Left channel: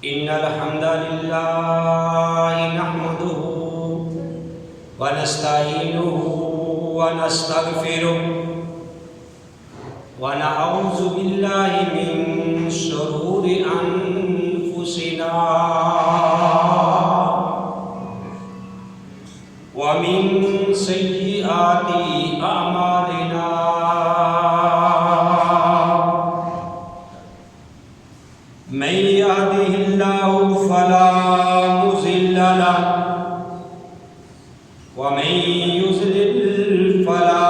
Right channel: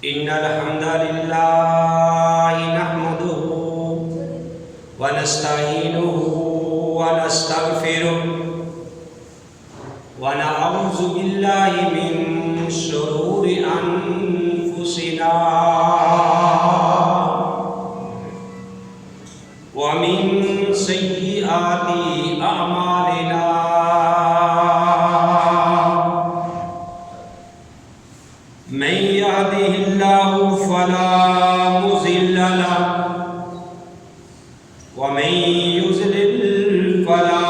إن الحمد لله نحمده ونستعينه ونستغفره ونعوذ بالله من شرور أنفسنا ومن سيئات أعمالنا من يهده الله فلا مضل له ومن يضلل فلا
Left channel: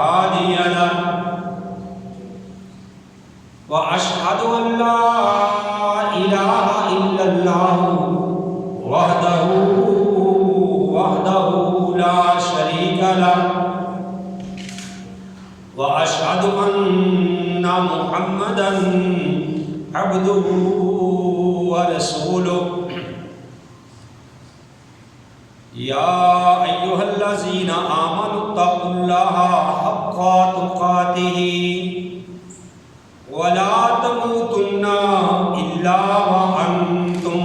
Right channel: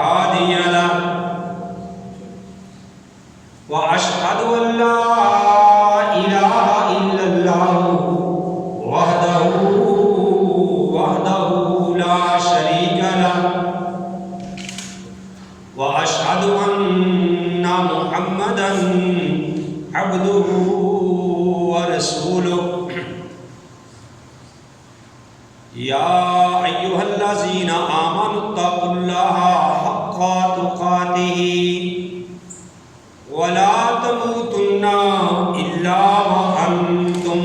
هادي له وأشهد أن لا إله إلا الله وحده لا شريك له وأشهد أن محمدا عبده ورسوله يا أيها الذين آمنوا اتقوا الله حق تقاته ولا تموتن إلا وأنتم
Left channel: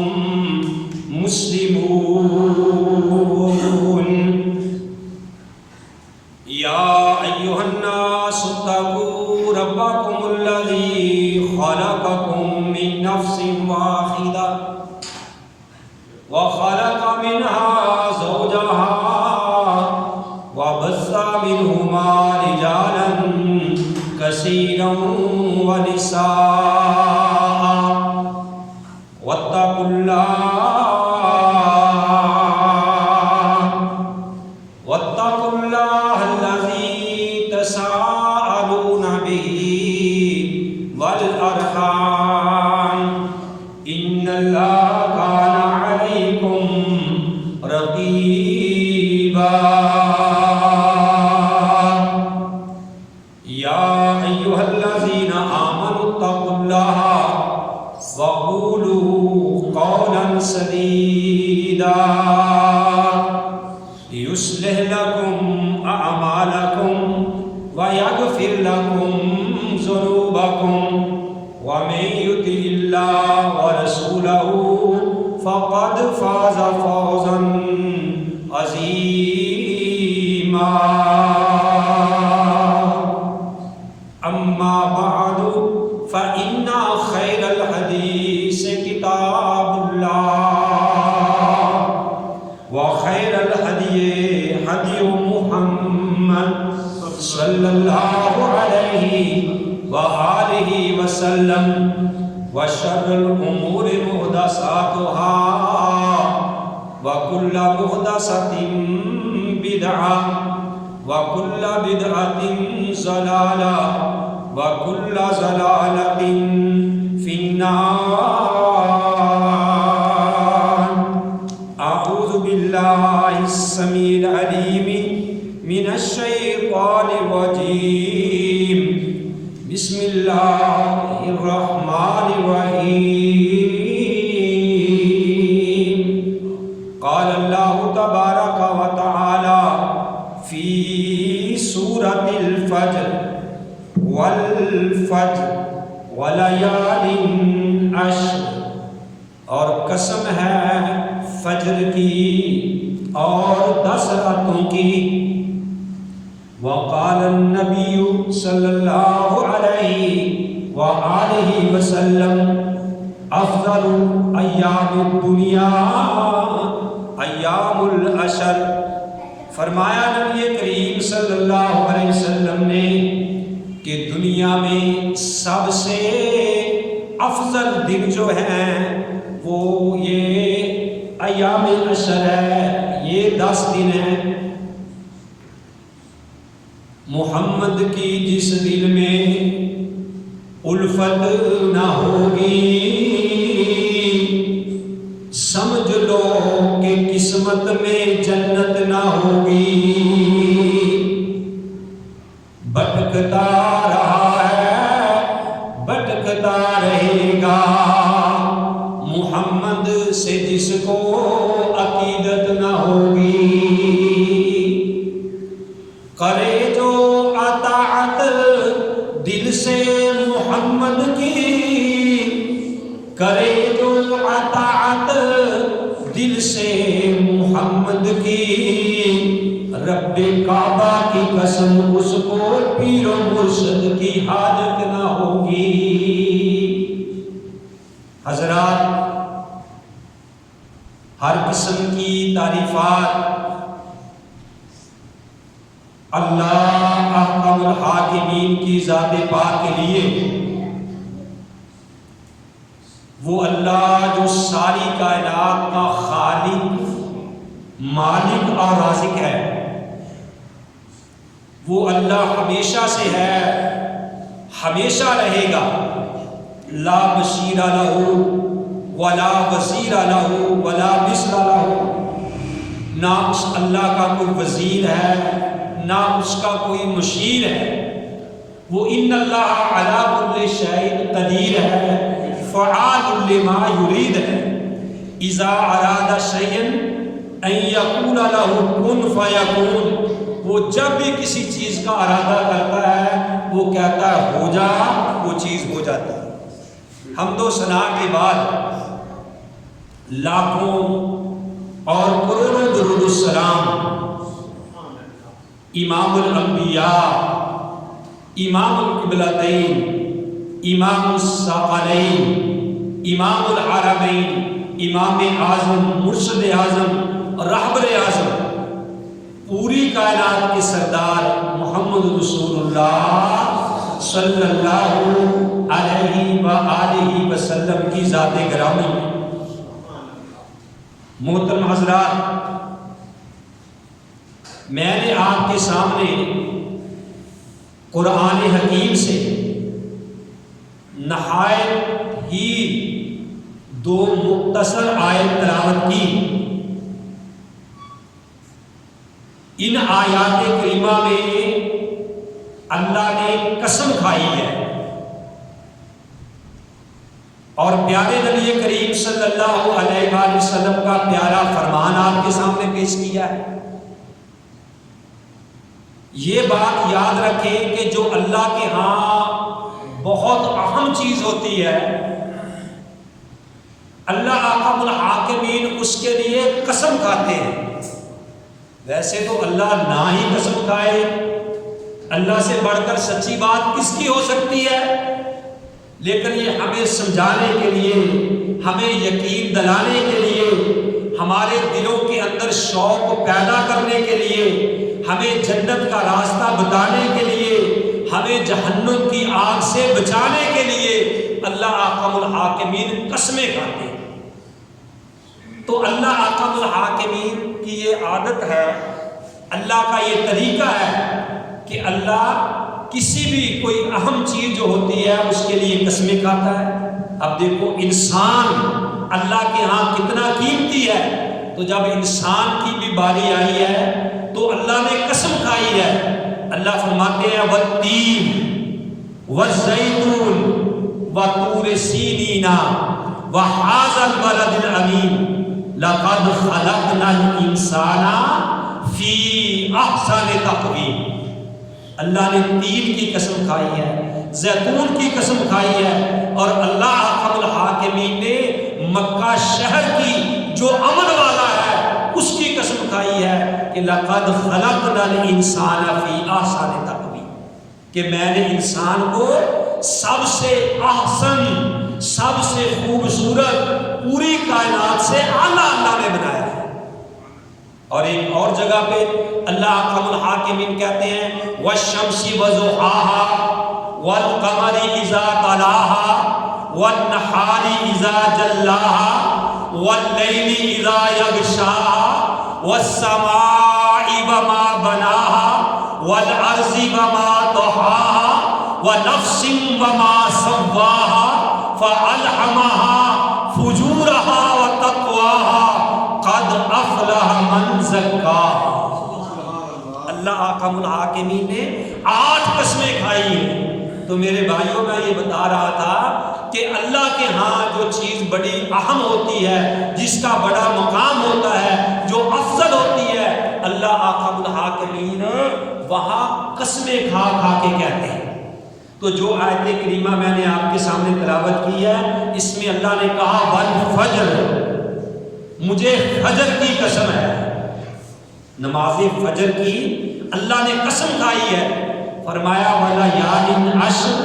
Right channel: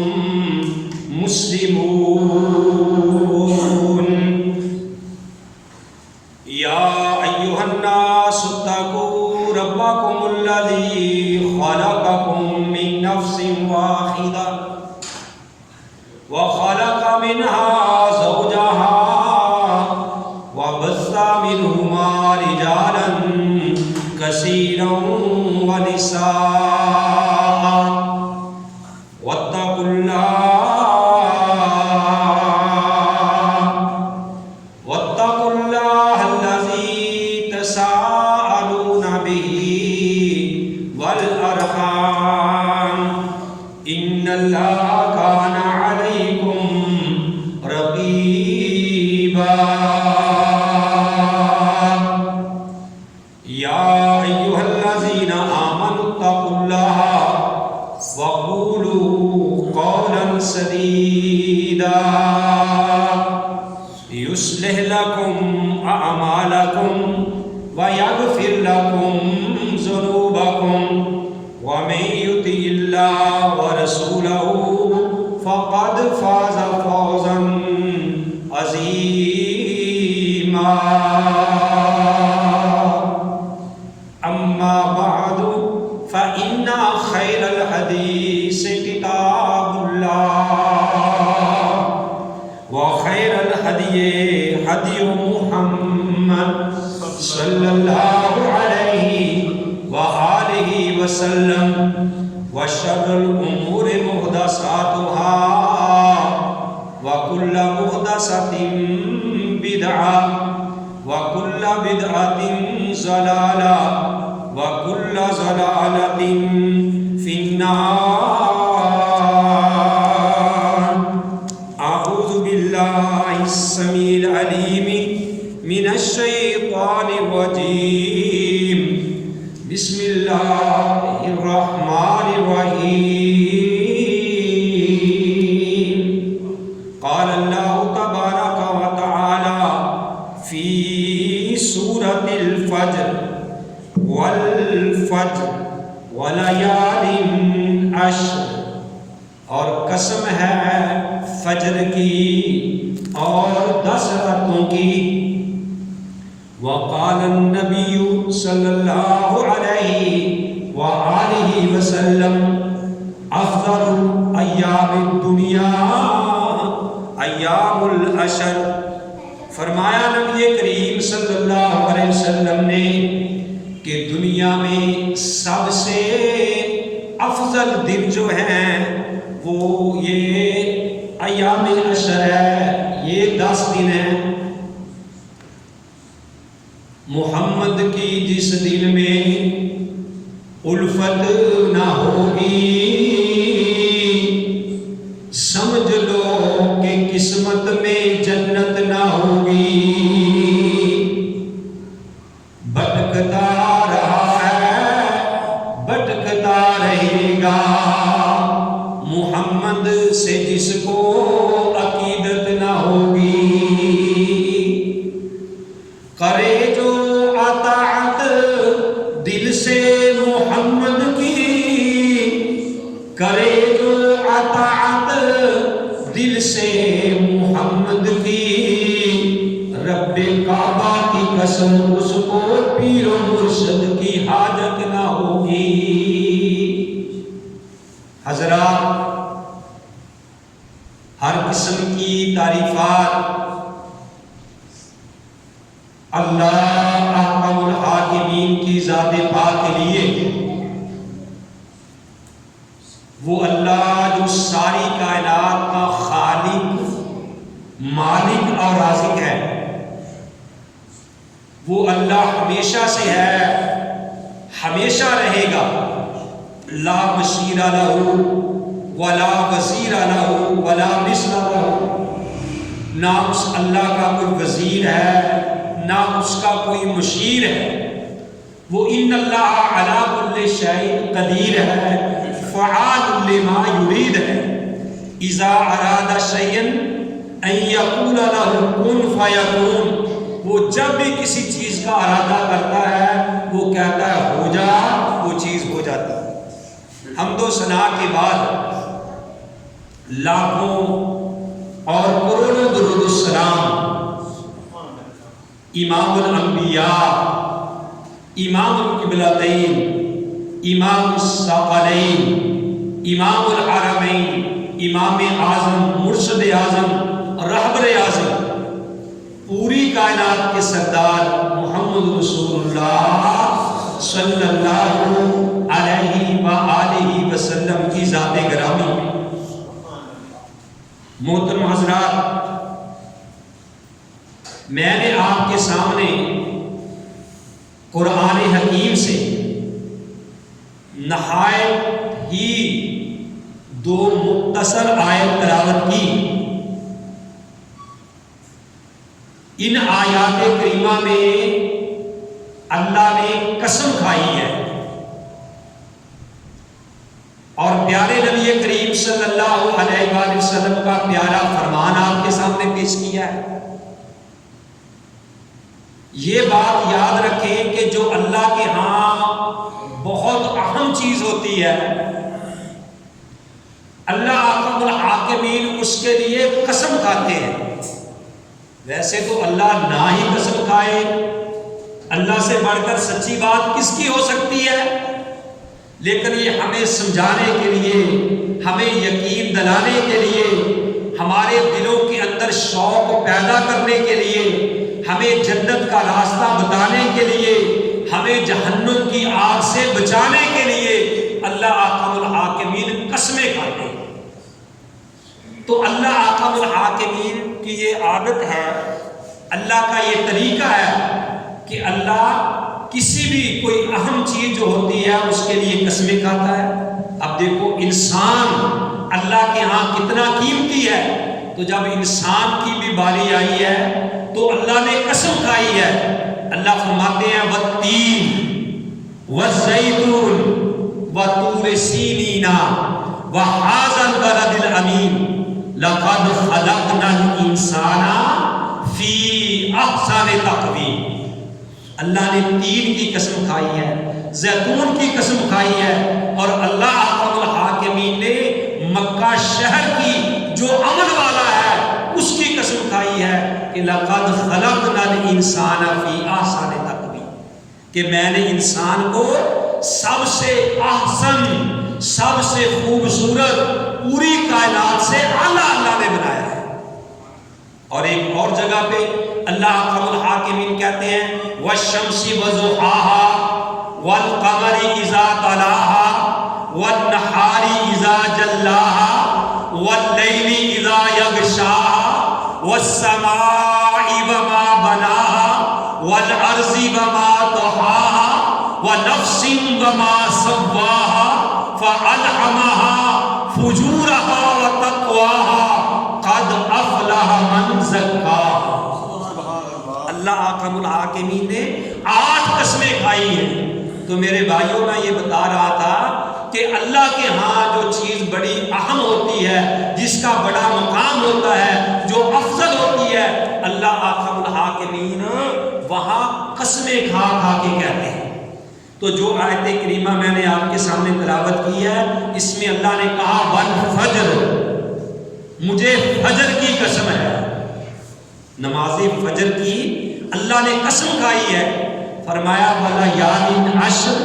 مسلمون يا أيها الناس اتقوا ربكم الذي خلقكم من نفس واحدة وخلق منها زوجها وبث منهما رجالا كثيرا ونساء واتقوا الله الذي تساءلون به والأرحام إن الله كان عليكم رقيبا يا أيها الذين آمنوا اتقوا الله وقولوا قولا سديدا يصلح لكم أعمالكم ويغفر لكم ذنوبكم ومن يطع الله ورسوله فقد فاز فوزا عظيما أما بعد فإن خير الحديث كتاب الله وخير الهدي هدي محمد صلى الله عليه وآله وسلم وشر الأمور محدثاتها وكل محدثة بدعة وكل بدعة ضلالة وكل ضلالة في النار. أعوذ بالله السميع العليم من الشيطان الرجيم. بسم الله الرحمن الرحيم. قال الله تبارك وتعالى في سورة الفجر والفجر وليال عشر، اور قسم ہے فجر کی اور 10 راتوں کی. وقال النبي صلی اللہ علیہ وآلہ وسلم افضل ایام الدنیا ایام العشر. فرمایا نبی کریم صلی اللہ علیہ وسلم نے کہ دنیا میں سب سے افضل دن جو ہیں وہ یہ ایام عشر ہے، یہ 10 دن ہیں. محمد کی جس دن میں الفت نہ ہوگی سمجھ لو کہ قسمت میں جنت نہ ہوگی. بھٹکتا رہا ہے بھٹکتا رہے گا محمد سے جس کو عقیدت نہ ہوگی. کرے جو اطاعت دل سے محمد کی، کرے جو اطاعت دل سے محمد کی، رب کعبہ کی قسم اس کو پیر و مرشد کی حاجت نہ ہوگی۔ حضرات، ہر قسم کی تعریفات اللہ احکم الحاکمین کی ذات پاک کے لیے، وہ اللہ جو ساری کائنات کا خالق، مالک اور رازق ہے، وہ اللہ ہمیشہ سے ہے، ہمیشہ رہے گا۔ لا بشیر لہ ولا وزیر لہ ولا مثل لہ، نہ اس اللہ کا کوئی وزیر ہے، نہ اس کا کوئی مشیر ہے۔ وہ ان اللہ علی کل شیء قدیر ہے، فعال لما یرید ہے۔ اذا اراد شیئا ان یقول له کن فیکون، وہ جب بھی کسی چیز کا ارادہ کرتا ہے وہ کہتا ہے ہو جا، وہ چیز ہو جاتی ہے۔ حمد و ثنا کے بعد لاکھوں اور کروڑوں درود السلام امام الانبیاء، امام القبلتین، امام الثقلین، امام الحرمین، امام اعظم، مرشد اعظم، رہبر اعظم، پوری کائنات کے سردار محمد رسول اللہ صلی اللہ علیہ وآلہ وسلم کی ذات گرامی میں۔ محترم حضرات، میں نے آپ کے سامنے قرآن حکیم سے نہایت ہی دو مختصر آیت تلاوت کی۔ ان آیات کریمہ میں اللہ نے قسم کھائی ہے اور پیارے نبی کریم صلی اللہ علیہ وآلہ وسلم کا پیارا فرمان آپ کے سامنے پیش کیا ہے۔ یہ بات یاد رکھیں کہ جو اللہ کے ہاں بہت اہم چیز ہوتی ہے، اللہ احکم الحاکمین اس کے لیے قسم کھاتے ہیں۔ ویسے تو اللہ نہ ہی قسم کھائے، اللہ سے بڑھ کر سچی بات کس کی ہو سکتی ہے، لیکن یہ ہمیں سمجھانے کے لیے، ہمیں یقین دلانے کے لیے، ہمارے دلوں کے اندر شوق پیدا کرنے کے لیے، ہمیں جنت کا راستہ بتانے کے لیے، ہمیں جہنم کی آگ سے بچانے کے لیے اللہ احکم الحاکمین قسمیں کھاتے ہیں۔ تو اللہ احکم الحاکمین کی یہ عادت ہے، اللہ کا یہ طریقہ ہے کہ اللہ کسی بھی کوئی اہم چیز جو ہوتی ہے اس کے لیے قسمیں کھاتا ہے۔ اب دیکھو انسان اللہ کے ہاں کتنا قیمتی ہے، تو جب انسان کی بھی باری آئی ہے تو اللہ نے قسم کھائی ہے۔ اللہ فرماتے ہیں والتین والزیتون وطور سینین وہذا البلد الامین لقد خلقنا الانسان فی احسن تقویم۔ اللہ نے تین کی قسم کھائی ہے، زیتون کی قسم کھائی ہے، اور اللہ احکم الحاکمین نے مکہ شہر کی جو امن والا ہے اس کی قسم کھائی ہے کہ لقد خلقنا الانسان فی احسن تقویم، کہ میں نے انسان کو سب سے احسن، سب سے خوبصورت، پوری کائنات سے اعلیٰ اللہ نے بنایا ہے۔ اور ایک اور جگہ پہ اللہ احکم الحاکمین کہتے ہیں والشمس وضحاها والقمر اذا طلاها والنہار اذا جلاها واللیل اذا یغشاها والسماء وما بناها والارض وما طحاها ونفس وما سواها فألهمها فجورها وتقواها قد افلح من زکاها۔ اللہ احکم الحاکمین نے 8 قسمیں کھائی ہیں۔ تو میرے بھائیوں، میں یہ بتا رہا تھا کہ اللہ کے ہاں جو چیز بڑی اہم ہوتی ہے، جس کا بڑا مقام ہوتا ہے، جو افضل ہوتی ہے، اللہ احکم الحاکمین وہاں قسمیں کھا کھا کے کہتے ہیں۔ تو جو آیت کریمہ میں نے آپ کے سامنے تلاوت کی ہے، اس میں اللہ نے کہا والفجر، مجھے فجر کی قسم ہے، نماز فجر کی اللہ نے قسم کھائی ہے، فرمایا ولیالٍ عشر،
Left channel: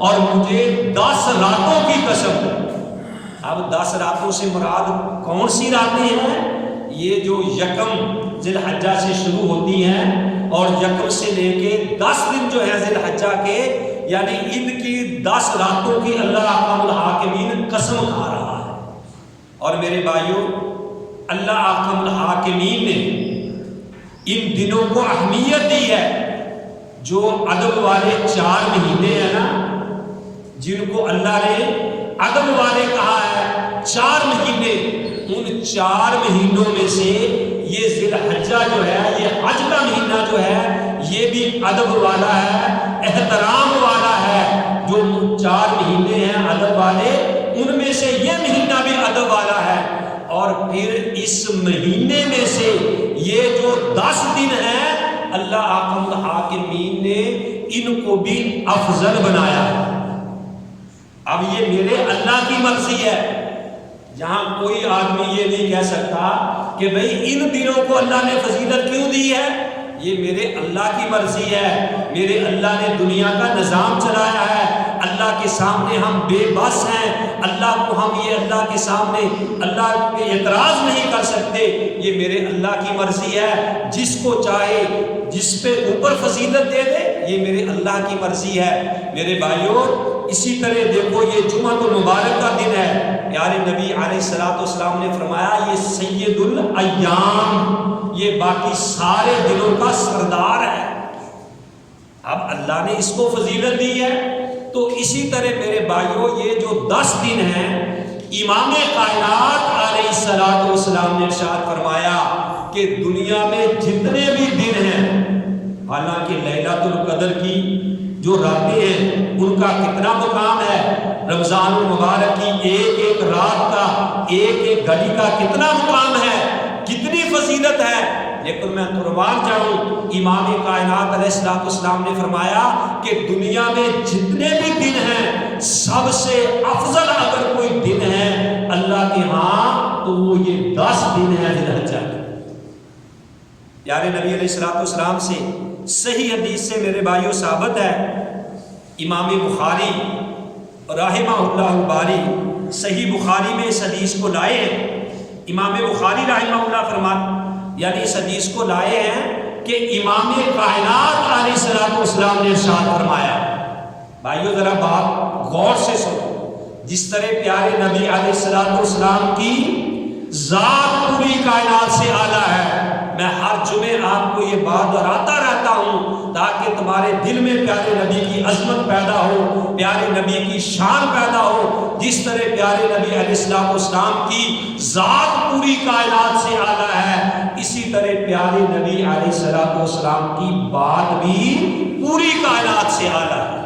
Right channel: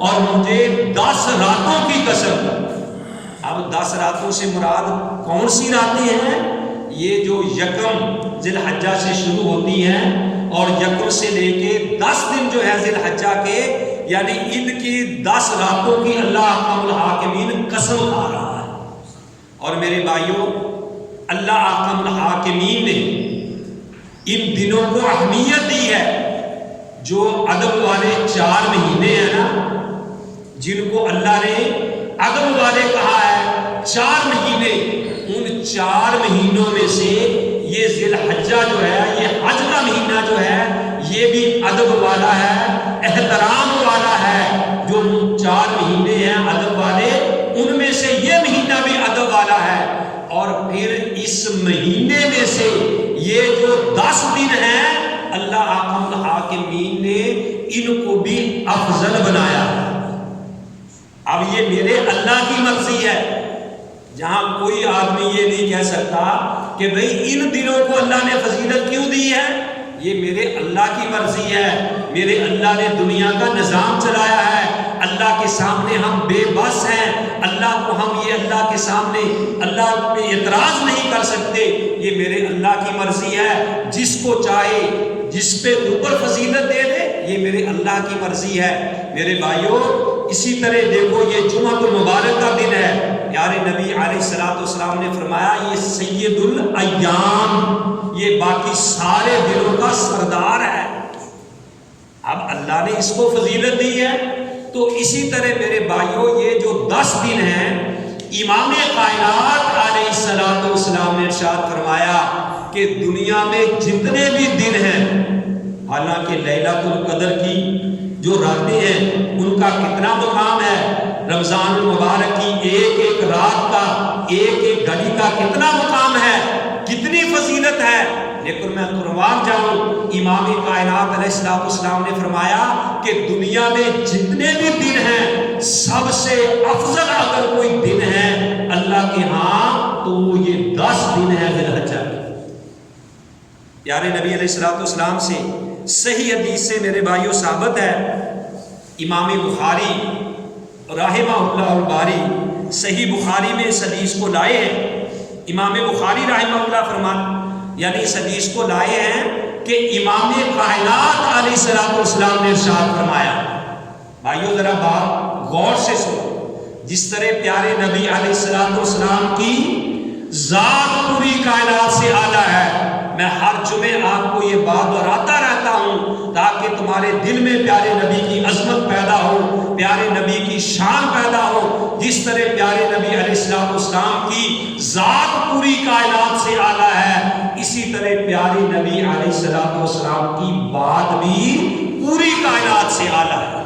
اور مجھے 10 راتوں کی قسم۔ اب 10 راتوں سے مراد کون سی راتیں ہیں؟ یہ جو یکم ذی الحجہ سے شروع ہوتی ہیں اور یکم سے لے کے 10 دن جو ہے ذی الحجہ کے، یعنی ان کی 10 راتوں کی اللہ احکم الحاکمین قسم کھا رہا ہے۔ اور میرے بھائیوں، اللہ احکم الحاکمین نے ان دنوں کو اہمیت دی ہے۔ جو عدد والے 4 مہینے ہیں نا، جن کو اللہ نے عدد والے کہا ہے 4 مہینے، ان 4 مہینوں میں سے یہ ذی الحجہ جو ہے، یہ حج کا مہینہ جو ہے، یہ بھی ادب والا ہے، احترام والا ہے۔ جو 4 مہینے ہیں ادب والے، ان میں سے یہ مہینہ بھی ادب والا ہے۔ اور پھر اس مہینے میں سے یہ جو 10 دن ہیں، اللہ احکم الحاکمین نے ان کو بھی افضل بنایا۔ اب یہ میرے اللہ کی مرضی ہے، جہاں کوئی آدمی یہ نہیں کہہ سکتا کہ بھئی ان دنوں کو اللہ نے فضیلت کیوں دی ہے۔ یہ میرے اللہ کی مرضی ہے، میرے اللہ نے دنیا کا نظام چلایا ہے۔ اللہ کے سامنے ہم بے بس ہیں، اللہ کو ہم یہ اللہ کے سامنے اللہ پہ اعتراض نہیں کر سکتے۔ یہ میرے اللہ کی مرضی ہے، جس کو چاہے جس پہ اوپر فضیلت دے دے، یہ میرے اللہ کی مرضی ہے۔ میرے بھائیوں، اسی طرح دیکھو یہ جمعہ المبارک کا دن ہے، پیارے نبی علیہ السلام نے فرمایا یہ سید الایام، یہ باقی سارے دنوں کا سردار ہے۔ اب اللہ نے اس کو فضیلت دی ہے، تو اسی طرح میرے بھائیوں یہ جو 10 دن ہیں، امام کائنات علیہ السلام نے ارشاد فرمایا کہ دنیا میں جتنے بھی دن ہیں، حالانکہ لیلۃ القدر کی جو راتیں ہیں ان کا کتنا مقام ہے، رمضان المبارک کی ایک ایک رات کا، ایک ایک گھڑی کا کتنا مقام ہے، کتنی فضیلت ہے۔ لیکن میں قربان جاؤں، امام کائنات علیہ السلام نے فرمایا کہ دنیا میں جتنے بھی دن ہیں، سب سے افضل اگر کوئی دن ہے اللہ کے ہاں تو وہ یہ 10 دن ہے ذی الحجہ۔ پیارے نبی علیہ السلام سے صحیح حدیث سے میرے بھائیوں ثابت ہے، امام بخاری رحمہ اللہ الباری صحیح بخاری میں اس حدیث کو لائے ہیں۔ امام بخاری رحمہ اللہ فرماتے یعنی اس حدیث کو لائے ہیں کہ امام کائنات علیہ السلام نے ارشاد فرمایا۔ بھائیو ذرا بات غور سے سنو، جس طرح پیارے نبی علیہ السلام کی ذات پوری کائنات سے اعلیٰ ہے، میں ہر جمعے آپ کو یہ بات دہراتا رہتا ہوں تاکہ تمہارے دل میں پیارے نبی کی عظمت پیدا ہو، پیارے نبی کی شان پیدا ہو۔ جس طرح پیارے نبی علیہ السلام کی ذات پوری کائنات سے اعلیٰ ہے، اسی طرح پیارے نبی علیہ السلام کی بات بھی پوری کائنات سے اعلیٰ ہے۔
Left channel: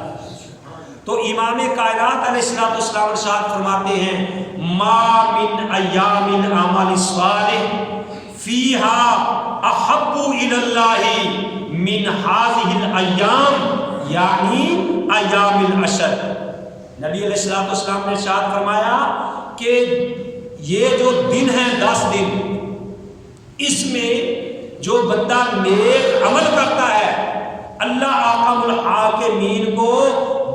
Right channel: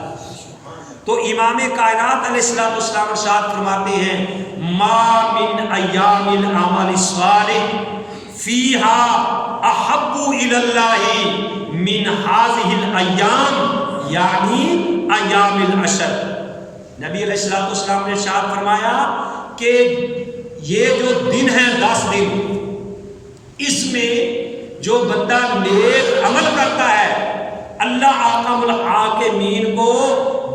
تو امام کائنات علیہ السلام ارشاد فرماتے ہیں ما من ایام العمل الصالح فیہا احب الی اللہ من ہذہ الایام، یعنی ایام العشر۔ نبی علیہ السلام نے ارشاد فرمایا کہ یہ جو دن ہیں 10 دن، اس میں جو بندہ نیک عمل کرتا ہے، اللہ احکم الحاکمین کو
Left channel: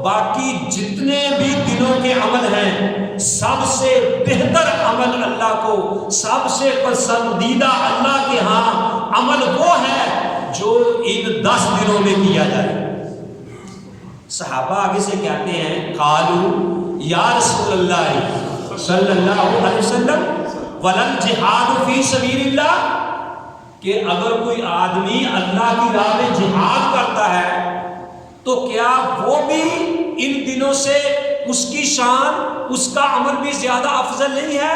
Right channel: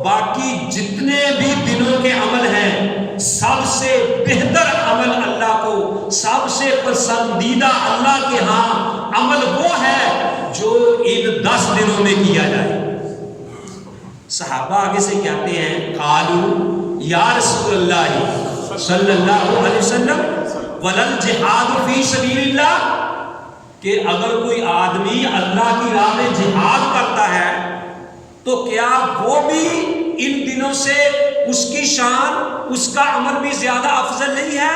باقی جتنے بھی دنوں کے عمل ہیں سب سے بہتر عمل اللہ کو، سب سے پسندیدہ اللہ کے ہاں عمل وہ ہے جو ان 10 دنوں میں کیا جائے۔ صحابہ آگے سے کہتے ہیں قالوا یا رسول اللہ صلی اللہ علیہ وسلم ولل جہاد فی سبیل اللہ، کہ اگر کوئی آدمی اللہ کی راہ میں جہاد کرتا ہے تو کیا وہ بھی ان دنوں سے اس کی شان، اس کا عمل بھی زیادہ افضل نہیں ہے؟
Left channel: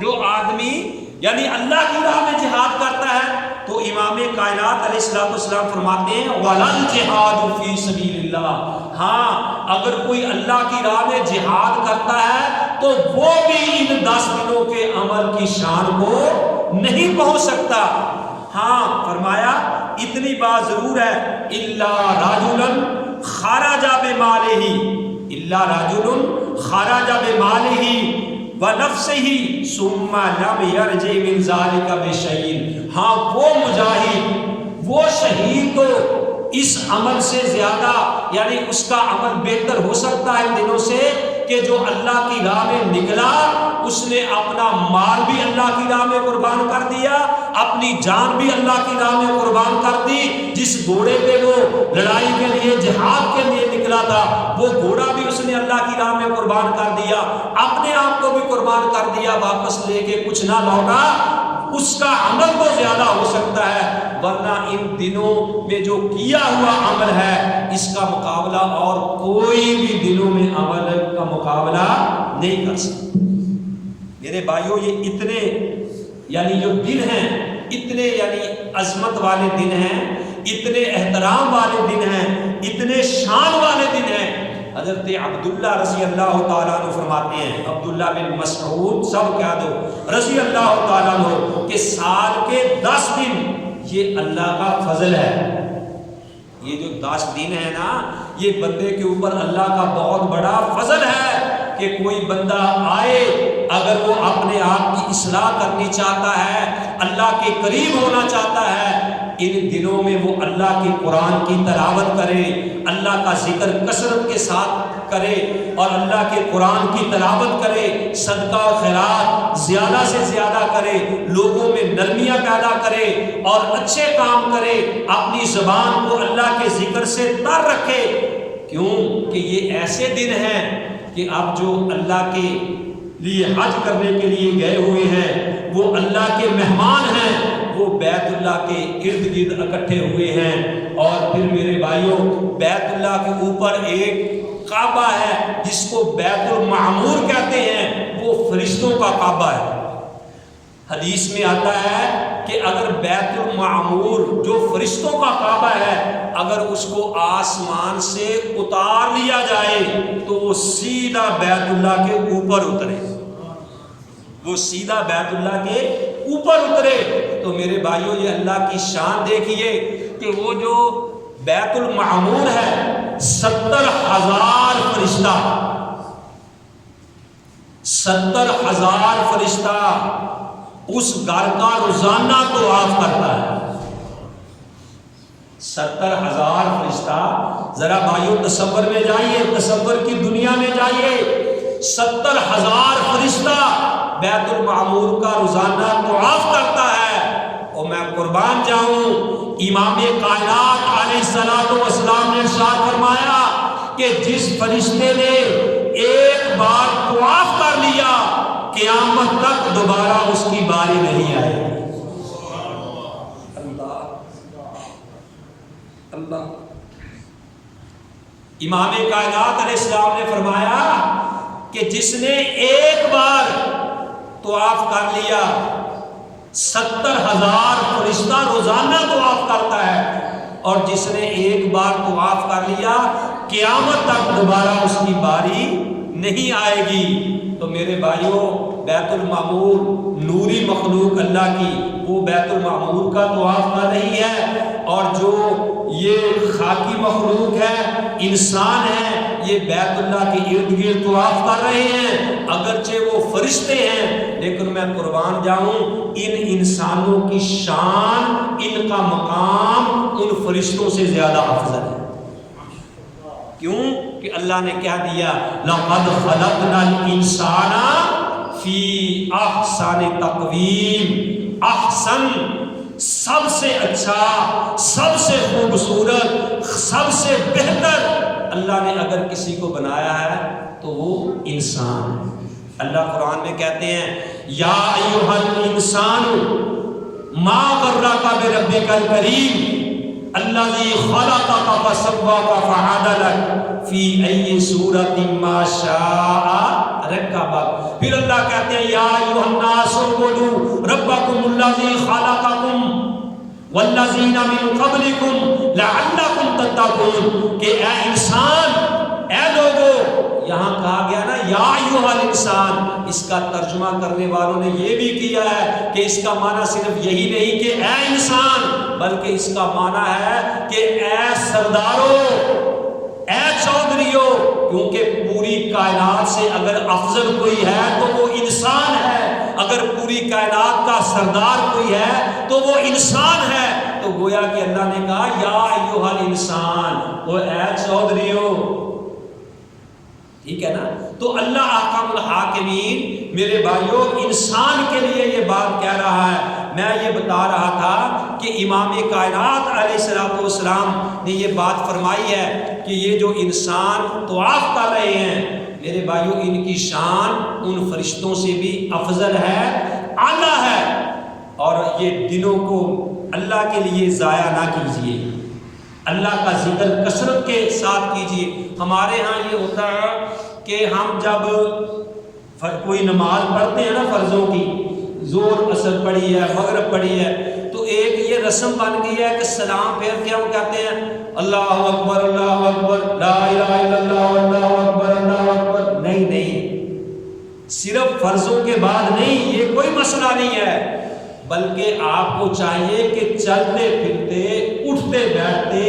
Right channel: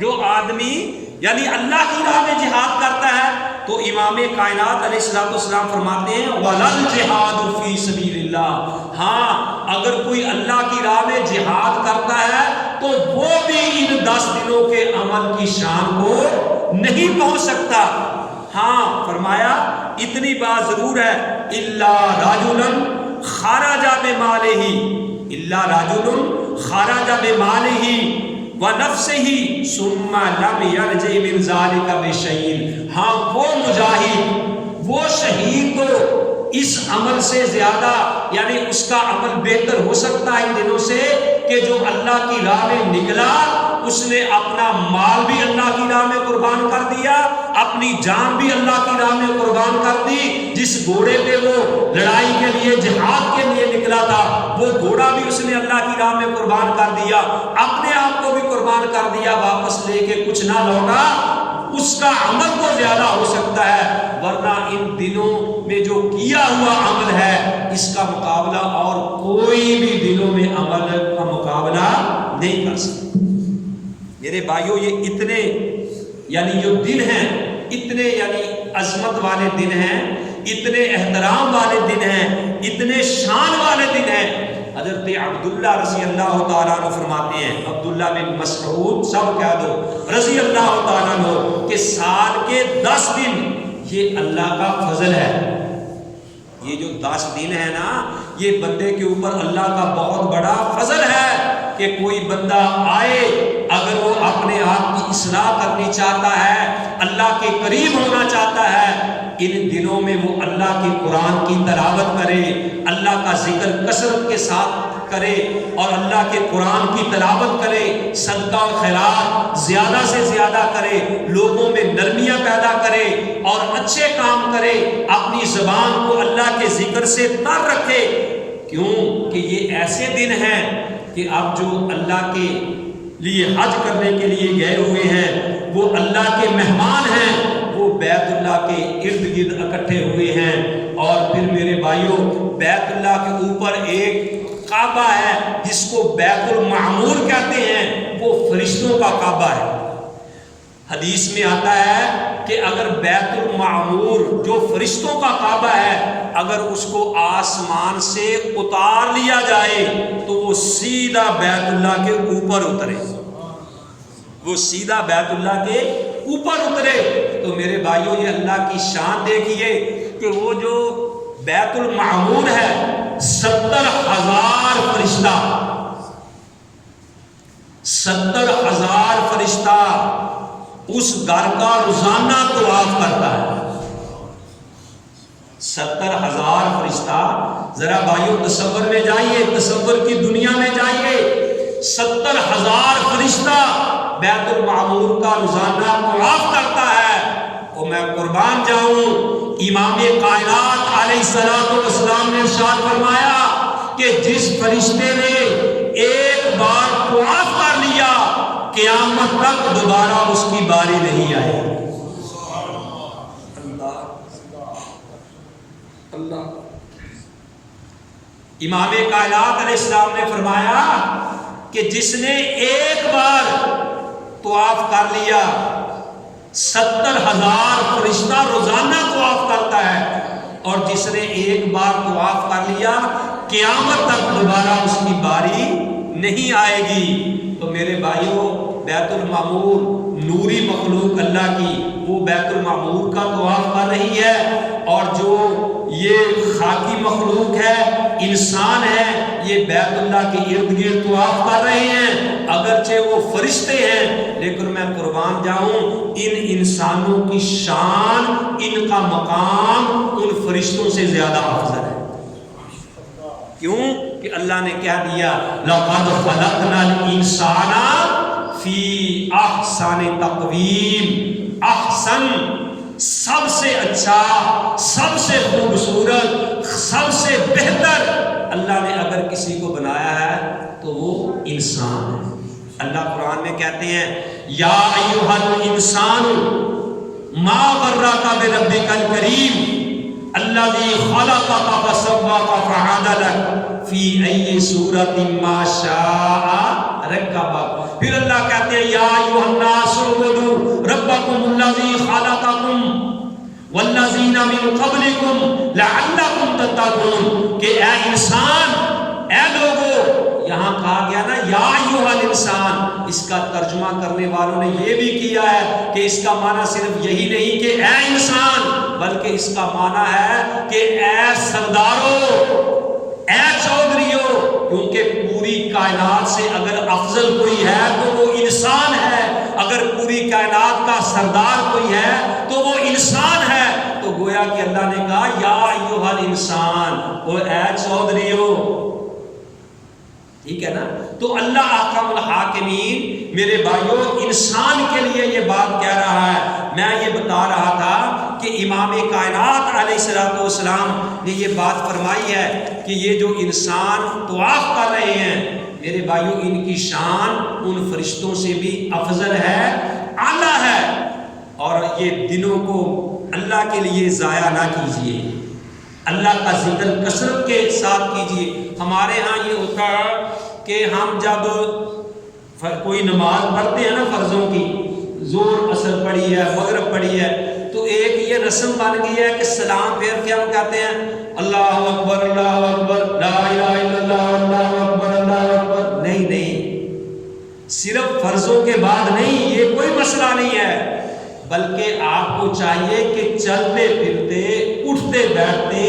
جو آدمی یعنی اللہ کی راہ میں جہاد کرتا ہے، تو امام کائنات علیہ السلام فرماتے ہیں وَلَلْ جِهَادُ فِي سَبِيلِ اللَّهِ، ہاں اگر کوئی اللہ کی راہ میں جہاد کرتا ہے تو وہ بھی ان 10 دنوں کے عمل کی شان کو نہیں پہنچ سکتا۔ ہاں فرمایا اتنی بات ضرور ہے اِلَّا رَجُلًا خرج بمالہ الا رجل خرج بمالہ ونفسہ ثم لم یرجع من ذلک بشیء. ہاں وہ مجاہد، وہ شہید کو اس عمل سے زیادہ، یعنی اس کا عمل بہتر ہو سکتا ہے ان دنوں سے، کہ جو اللہ کی راہ میں نکلا، اس نے اپنا مال بھی اللہ کی راہ میں قربان کر دیا، اپنی جان بھی اللہ کی راہ میں قربان کر دی. جس گھوڑے پہ وہ لڑائی کے لیے، جہاد کے لیے نکلا تھا، وہ گھوڑا بھی اس نے اللہ کی راہ میں قربان کر دیا، اپنے آپ کو بھی قربان کر دیا، واپس لے کے کچھ نہ لوٹا. اس کا عمل تو زیادہ ہو سکتا ہے، ورنہ ان دنوں میں جو کیا ہوا عمل ہے، اس کا مقابلہ اور کوئی بھی دنوں میں عمل کا مقابلہ نہیں کر سکتا. میرے بھائیوں، یہ اتنے یعنی جو دن ہیں، اتنے یعنی عظمت والے دن ہیں، اتنے احترام والے دن ہیں، اتنے شان والے دن ہیں. حضرت عبداللہ رضی اللہ تعالیٰ عنہ فرماتے ہیں، عبداللہ بن مسعود سب کہہ دو رضی اللہ تعالیٰ عنہ، کہ سال کے 10 دن یہ اللہ کا فضل ہے. یہ جو 10 دن ہے نا، یہ بندے کے اوپر اللہ کا بہت بڑا فضل ہے کہ کوئی بندہ آئے، اگر وہ اپنے آپ کی اصلاح کرنی چاہتا ہے، اللہ کے قریب ہونا چاہتا ہے، ان دنوں میں وہ اللہ کے قرآن کی تلاوت کرے، اللہ کا ذکر کثرت کے ساتھ کرے، اور اللہ کے قرآن کی تلاوت کرے، صدقہ و خیرات زیادہ سے زیادہ کرے، لوگوں میں نرمیاں پیدا کرے اور اچھے کام کرے، اپنی زبان کو اللہ کے ذکر سے تر رکھے. کیوں کہ یہ ایسے دن ہیں کہ اب جو اللہ کے لیے حج کرنے کے لیے گئے ہوئے ہیں، وہ اللہ کے مہمان ہیں، وہ بیت اللہ کے ارد گرد اکٹھے ہوئے ہیں. اور پھر میرے بھائیوں، بیت اللہ کے اوپر ایک کعبہ ہے جس کو بیت المعمور کہتے ہیں، وہ فرشتوں کا کعبہ ہے. حدیث میں آتا ہے کہ اگر بیت المعمور جو فرشتوں کا کعبہ ہے، اگر اس کو آسمان سے اتار لیا جائے تو وہ سیدھا بیت اللہ کے اوپر اترے، وہ سیدھا بیت اللہ کے اوپر اترے. تو میرے بھائیوں، یہ اللہ کی شان دیکھیے کہ وہ جو بیت المعمور ہے، 70,000 فرشتہ، 70,000 فرشتہ اس گھر کا روزانہ طواف کرتا ہے. 70,000 فرشتہ. ذرا بھائیوں تصور میں جائیے، تصور کی دنیا میں جائیے. 70,000 فرشتہ بیت المعمور کا روزانہ طواف کرتا ہے. اور میں قربان جاؤں، امام کائنات علیہ الصلوۃ والسلام نے ارشاد فرمایا کہ جس فرشتے نے ایک بار طواف کر لیا، قیامت تک دوبارہ اس کی باری نہیں آئے. اللہ. امام کائنات علیہ السلام نے فرمایا کہ جس نے ایک بار طواف کر لیا، 70,000 فرشتہ روزانہ طواف کرتا ہے، اور جس نے ایک بار طواف کر لیا، قیامت تک دوبارہ اس کی باری نہیں آئے گی. تو میرے بھائیوں، بیت المعمور نوری مخلوق اللہ کی، وہ بیت المعمور کا طواف کر رہی ہے، اور جو یہ خاکی مخلوق ہے، انسان ہے، یہ بیت اللہ کے ارد گرد طواف کر رہے ہیں. اگرچہ وہ فرشتے ہیں، لیکن میں قربان جاؤں، ان انسانوں کی شان، ان کا مقام ان فرشتوں سے زیادہ افضل ہے. کیوں کہ اللہ نے کیا دیا؟ لَقَدْ خَلَقْنَا الْإِنسَانَ فِي أَحْسَنِ تَقْوِيمٍ. احسن سب سے اچھا، سب سے خوبصورت، سب سے بہتر اللہ نے اگر کسی کو بنایا ہے تو وہ انسان ہے. اللہ قرآن میں کہتے ہیں، یا ایھا الانسان ما غرک بربک الکریم الذی خلقک فسواک فعدلک فی ای صورت ما شاء رکبک. پھر اللہ کہتے ہیں، یا ایھا الناس اعبدوا ربکم الذی خلقکم والذین من قبلکم لعلکم تتقون. کہ اے انسان، اے لوگو، یہاں کہا گیا نا یا ایھا الانسان. اس کا ترجمہ کرنے والوں نے یہ بھی کیا ہے کہ اس کا معنی صرف یہی نہیں کہ اے انسان، بلکہ اس کا معنی ہے کہ اے سردارو، اے چودھریو، کیونکہ پوری کائنات سے اگر افضل کوئی ہے تو وہ انسان ہے، اگر پوری کائنات کا سردار کوئی ہے تو وہ انسان ہے۔ تو گویا کہ اللہ نے کہا یا ایھا الانسان، وہ اے چودھریو، ٹھیک ہے نا؟ تو اللہ احکم الحاکمین میرے بھائیوں انسان کے لیے یہ بات کہہ رہا ہے۔ میں یہ بتا رہا تھا کہ امام کائنات علیہ السلام نے یہ بات فرمائی ہے کہ یہ جو انسان طواف کر رہے ہیں میرے بھائیوں، ان کی شان ان فرشتوں سے بھی افضل ہے، اعلیٰ ہے، اور یہ دنوں کو اللہ کے لیے ضائع نہ کیجیے، اللہ کا ذکر کثرت کے ساتھ کیجیے۔ ہمارے ہاں یہ ہوتا ہے کہ ہم جب کوئی نماز پڑھتے ہیں نا فرضوں کی، زور اثر پڑی ہے، مغرب پڑی ہے، تو ایک یہ رسم بن گئی ہے کہ سلام پھیر کے ہم کہتے ہیں اللہ اکبر لا الہ الا اللہ اللہ اکبر اللہ اکبر۔ نہیں، صرف فرضوں کے بعد نہیں، یہ کوئی مسئلہ نہیں ہے، بلکہ آپ کو چاہیے کہ چلتے پھرتے، اٹھتے بیٹھتے،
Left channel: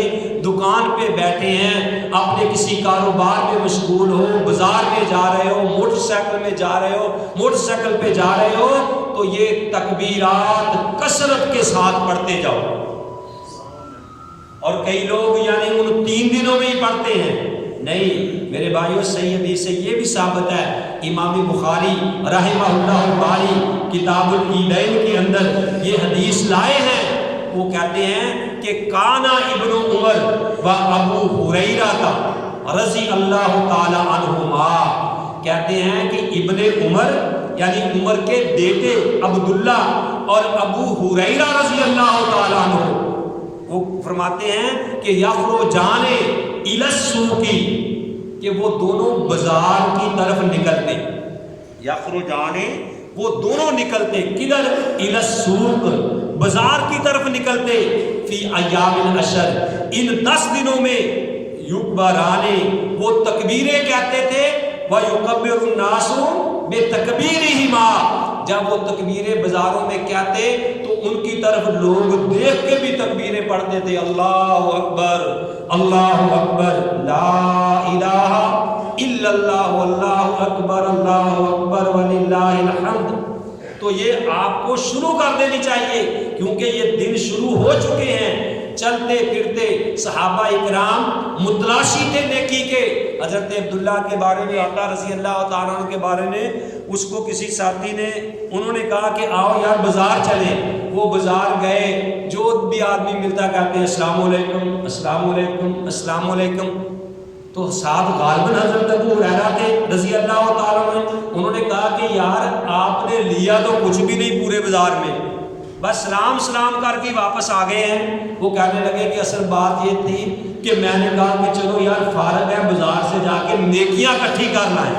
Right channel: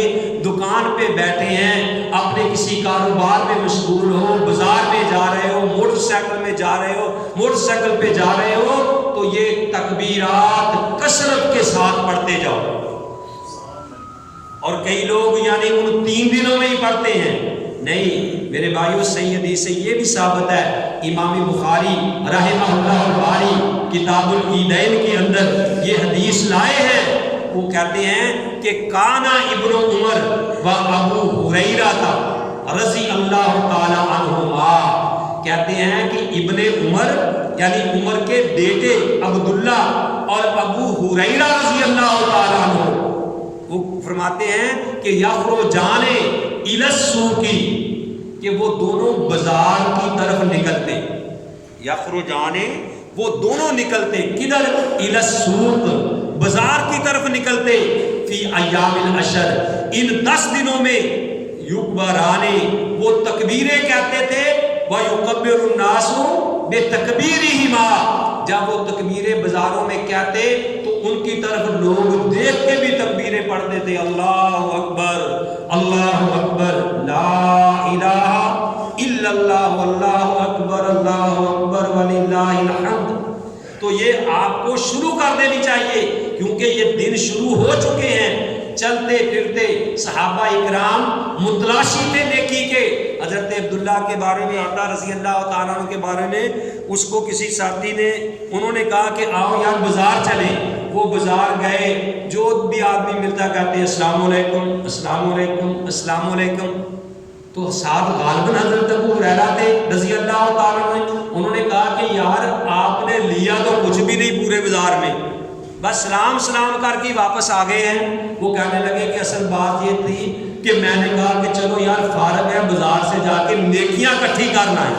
دکان پہ بیٹھے ہیں، اپنے کسی کاروبار میں مشغول ہو، بازار میں جا رہے ہو، موٹر سائیکل میں جا رہے ہو، موٹر سائیکل پہ جا رہے ہو، تو یہ تکبیرات کثرت کے ساتھ پڑھتے جاؤ۔ اور کئی لوگ یعنی ان 3 دنوں میں ہی پڑھتے ہیں، نہیں میرے بھائیوں، صحیح حدیث سے یہ بھی ثابت ہے۔ امام بخاری رحمہ اللہ الباری کتاب العیدین کے اندر یہ حدیث لائے ہیں، وہ کہتے ہیں کہ کانا ابن عمر و ابو ہریرہ رضی اللہ تعالی عنہما، کہتے ہیں کہ ابن عمر یعنی عمر کے بیٹے عبداللہ اور ابو ہریرہ رضی اللہ تعالی عنہ، وہ فرماتے ہیں کہ یخرجان الی السوق، کہ وہ دونوں بازار کی طرف نکلتے، یخرجان وہ دونوں نکلتے، کدھر؟ الی السوق، بازار کی طرف نکلتے، فی ایام العشر، ان 10 دنوں میں، یکبران وہ تکبیریں کہتے تھے، وَيُكَبِّرُ النَّاسُ بِتَكْبِيرِهِمَا، جب وہ تکبیریں بازاروں میں کہتے تو ان کی طرف لوگ دیکھ کے بھی تکبیریں پڑھتے تھے، اللہ اکبر اللہ اکبر لا الہ الا اللہ واللہ اکبر وللہ الحمد۔ تو یہ آپ کو شروع کر دینی چاہیے، کیونکہ یہ دن شروع ہو چکے ہیں۔ چلتے پھرتے صحابہ اکرام متلاشی تھے نیکی کے۔ حضرت عبداللہ کے بارے میں آتا رضی اللہ تعالیٰ عنہ کے بارے میں، اس کو کسی ساتھی نے، انہوں نے کہا کہ آؤ یار بازار چلیں۔ وہ بازار گئے، جو بھی آدمی ملتا کہتے ہیں السلام علیکم السلام علیکم السلام علیکم۔ تو ساتھ غالباً حضرت ابو ہریرہ تھے رضی اللہ تعالیٰ عنہ، انہوں نے کہا کہ یار آپ نے لیا تو کچھ بھی نہیں پورے بازار میں، بس سلام کر کے واپس آ گئے ہیں۔ وہ کہنے لگے کہ اصل بات یہ تھی کہ میں نے کہا کہ چلو یار فارغ ہے، بازار سے جا کے نیکیاں اکٹھی کرنا ہے،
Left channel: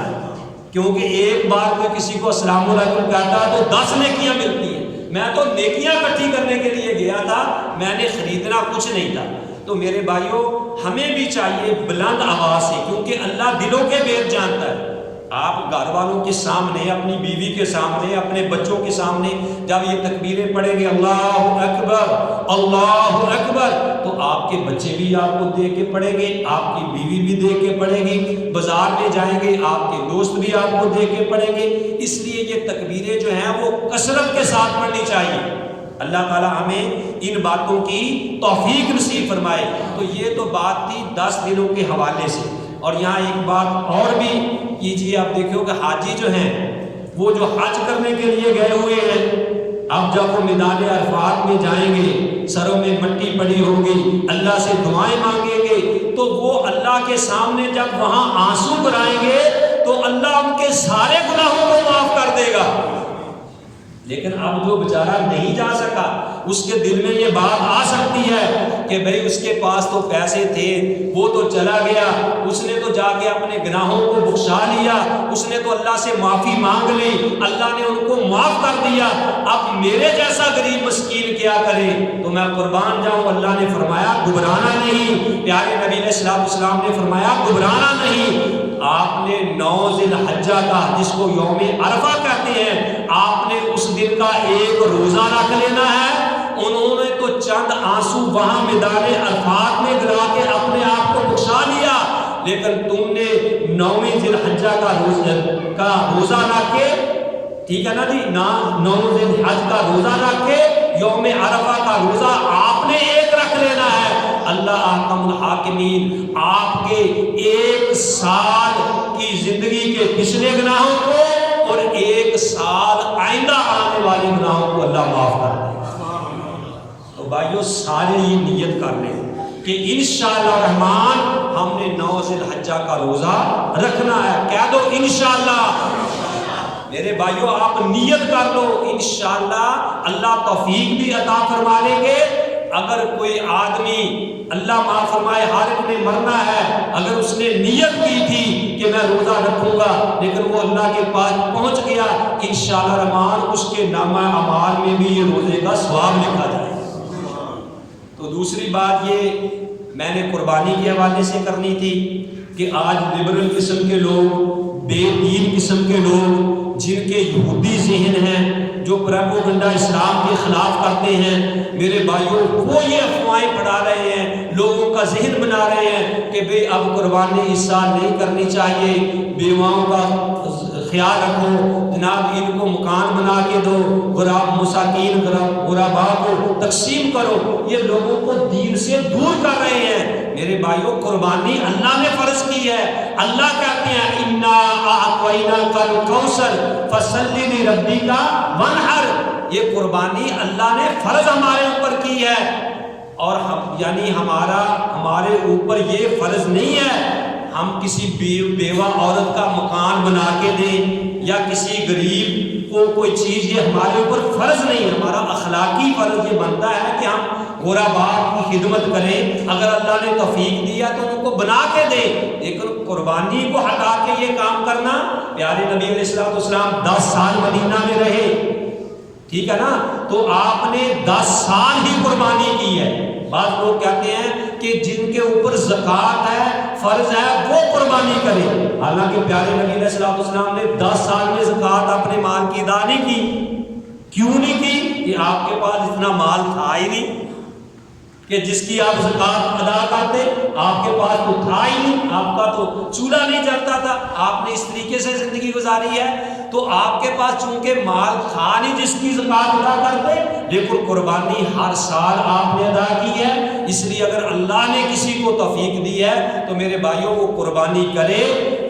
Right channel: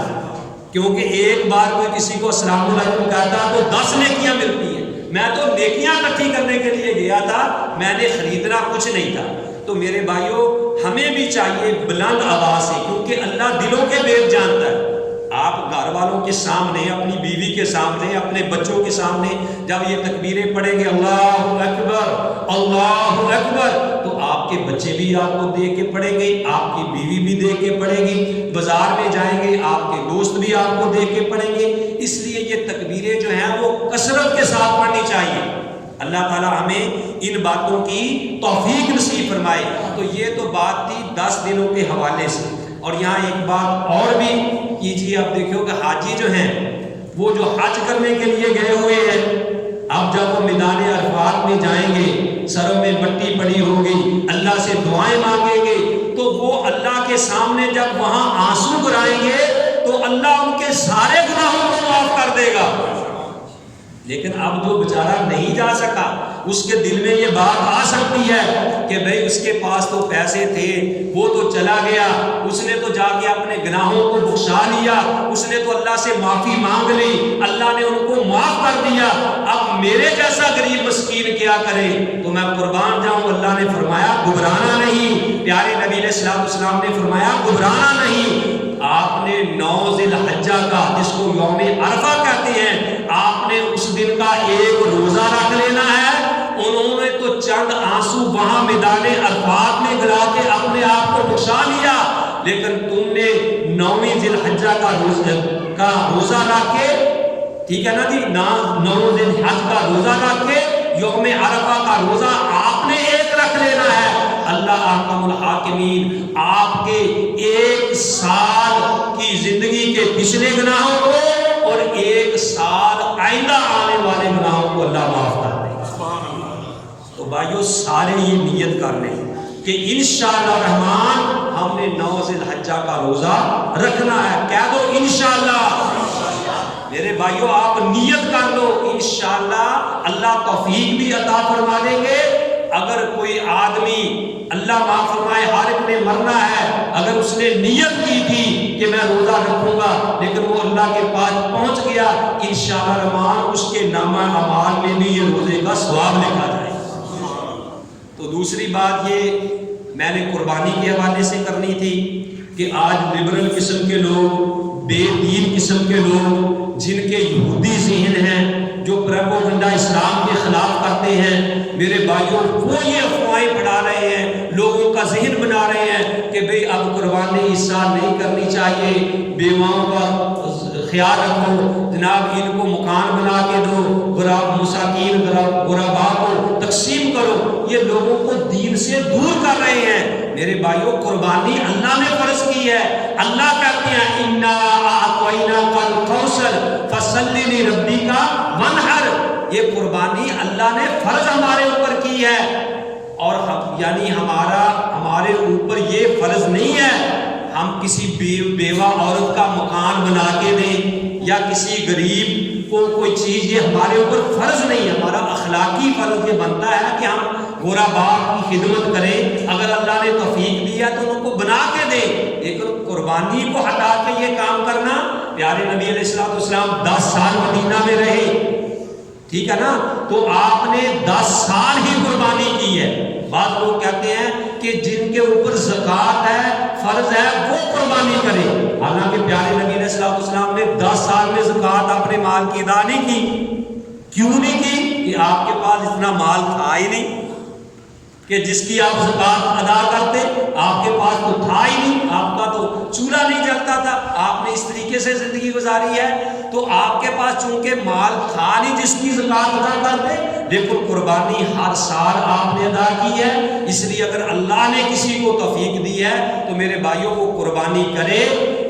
کیونکہ ایک بار کوئی کسی کو السلام علیکم کہتا تو 10 نیکیاں ملتی ہیں۔ میں تو نیکیاں اکٹھی کرنے کے لیے گیا تھا، میں نے خریدنا کچھ نہیں تھا۔ تو میرے بھائیوں، ہمیں بھی چاہیے بلند آواز سے، کیونکہ اللہ دلوں کے بھید جانتا ہے۔ آپ گھر والوں کے سامنے، اپنی بیوی کے سامنے، اپنے بچوں کے سامنے جب یہ تکبیریں پڑھیں گے اللہ اکبر، تو آپ کے بچے بھی آپ کو دیکھ کے پڑھیں گے، آپ کی بیوی بھی دیکھ کے پڑھے گی، بازار میں جائیں گے آپ کے دوست بھی آپ کو دیکھ کے پڑھیں گے۔ اس لیے یہ تکبیریں جو ہیں وہ کثرت کے ساتھ پڑھنی چاہیے۔ اللہ تعالیٰ ہمیں ان باتوں کی توفیق نصیب فرمائے۔ تو یہ تو بات تھی 10 دنوں کے حوالے سے۔ اور یہاں ایک بات اور بھی کیجیے، آپ دیکھو کہ حاجی جو ہیں وہ جو حج کرنے کے لیے گئے ہوئے ہیں، اب جب وہ میدان عرفات میں جائیں گے، سروں میں مٹی پڑی ہوگی، اللہ سے دعائیں مانگیں گے، تو وہ اللہ کے سامنے جب وہاں آنسو برائیں گے تو اللہ ان کے سارے گناہوں کو معاف کر دے گا۔ لیکن اب جو بیچارہ نہیں جا سکا، اس کے دل میں یہ بات آ سکتی ہے کہ بھئی اس کے پاس تو پیسے تھے، وہ تو چلا گیا، اس نے تو جا کے اپنے گناہوں کو بخشا لیا، اس نے تو اللہ سے معافی مانگ لی، اللہ نے ان کو معاف کر دیا، اب میرے جیسا غریب مسکین کیا کرے؟ تو میں قربان جاؤں، اللہ نے فرمایا گھبرانا نہیں، پیارے نبی علیہ السلام نے فرمایا گھبرانا نہیں۔ آپ نے 9 ذی الحجہ کا، جس کو یوم عرفہ کہتے ہیں، آپ نے اس دن کا ایک روزہ رکھ لینا ہے۔ انہوں نے تو چند آنسو وہاں میدان عرفات میں گرا کے اپنے آپ کو بخشا لیا، لیکن تم نے 9ویں ذی الحجہ کا روزہ رکھ کے، ٹھیک ہے نا جی، 9 ذی الحج کا روزہ رکھ کے یوم عرفہ کا روزہ آپ نے ایک رکھ لینا ہے۔ اللہ احکم الحاکمین آپ کے 1 سال کی زندگی کے پچھلے گناہوں کو اور 1 سال آئندہ آنے والے گناہوں کو اللہ معاف کر دے۔ تو بھائیو سارے یہ نیت کر لیں کہ انشاءاللہ الرحمن ہم نے 9 ذی الحجہ کا روزہ رکھنا ہے۔ کہہ دو انشاءاللہ۔ میرے بھائیو آپ نیت کر لو، انشاءاللہ اللہ توفیق بھی عطا فرما دیں گے۔ اگر کوئی آدمی، اللہ معاف فرمائے، ہر ایک نے مرنا ہے، اگر اس نے نیت کی تھی کہ میں روزہ رکھوں گا لیکن وہ اللہ کے پاس پہنچ گیا، انشاءاللہ الرحمن اس کے نامہ اعمال میں بھی یہ روزے کا ثواب لکھا جائے۔ تو دوسری بات یہ میں نے قربانی کے حوالے سے کرنی تھی کہ آج لبرل قسم کے لوگ، بے دین قسم کے لوگ، جن کے یہودی ذہن ہیں، جو پروپیگنڈا اسلام کے خلاف کرتے ہیں، میرے بھائیوں وہ یہ افواہیں پڑھا رہے ہیں، لوگوں کا ذہن بنا رہے ہیں کہ بھئی اب قربانی اس سال نہیں کرنی چاہیے، بیواؤں کا خیال رکھو، جناب ان کو مکان بنا کے دو، مساکین غرباء کو تقسیم کرو۔ یہ لوگوں کو دین سے دور کر رہے ہیں۔ میرے بھائیوں قربانی اللہ نے فرض کی ہے۔ اللہ کہتے ہیں اِنَّا أَعْطَيْنَاكَ الْكَوْثَرَ فَصَلِّ لِرَبِّكَ وَانْحَرْ۔ یہ قربانی اللہ نے فرض ہمارے اوپر کی ہے، اور یعنی ہمارے اوپر یہ فرض نہیں ہے ہم کسی بیوہ عورت کا مکان بنا کے دیں یا کسی غریب کو کوئی چیز، یہ ہمارے اوپر فرض نہیں ہے۔ ہمارا اخلاقی فرض یہ بنتا ہے کہ ہم غرباء کی خدمت کریں، اگر اللہ نے توفیق دیا تو ان کو بنا کے دیں، لیکن قربانی کو ہٹا کے یہ کام کرنا۔ پیارے نبی علیہ السلام 10 سال مدینہ میں رہے، ٹھیک ہے نا، تو آپ نے 10 سال ہی قربانی کی ہے۔ بعض لوگ کہتے ہیں کہ جن کے اوپر زکوٰۃ ہے، فرض ہے، وہ قربانی کرے، حالانکہ پیارے نبی علیہ السلام نے 10 سال میں زکوٰۃ اپنے مال کی ادا نہیں کی۔ کیوں نہیں کی؟ کہ آپ کے پاس اتنا مال تھا ہی نہیں کہ جس کی آپ زکوٰۃ ادا کرتے، آپ کے پاس تو تھا ہی نہیں، آپ کا تو چولہا نہیں جلتا تھا، آپ نے اس طریقے سے زندگی گزاری ہے، تو آپ کے پاس چونکہ مال تھا نہیں جس کی زکوٰۃ ادا کرتے، لیکن قربانی ہر سال آپ نے ادا کی ہے۔ اس لیے اگر اللہ نے کسی کو توفیق دی ہے تو میرے بھائیوں کو قربانی کرے،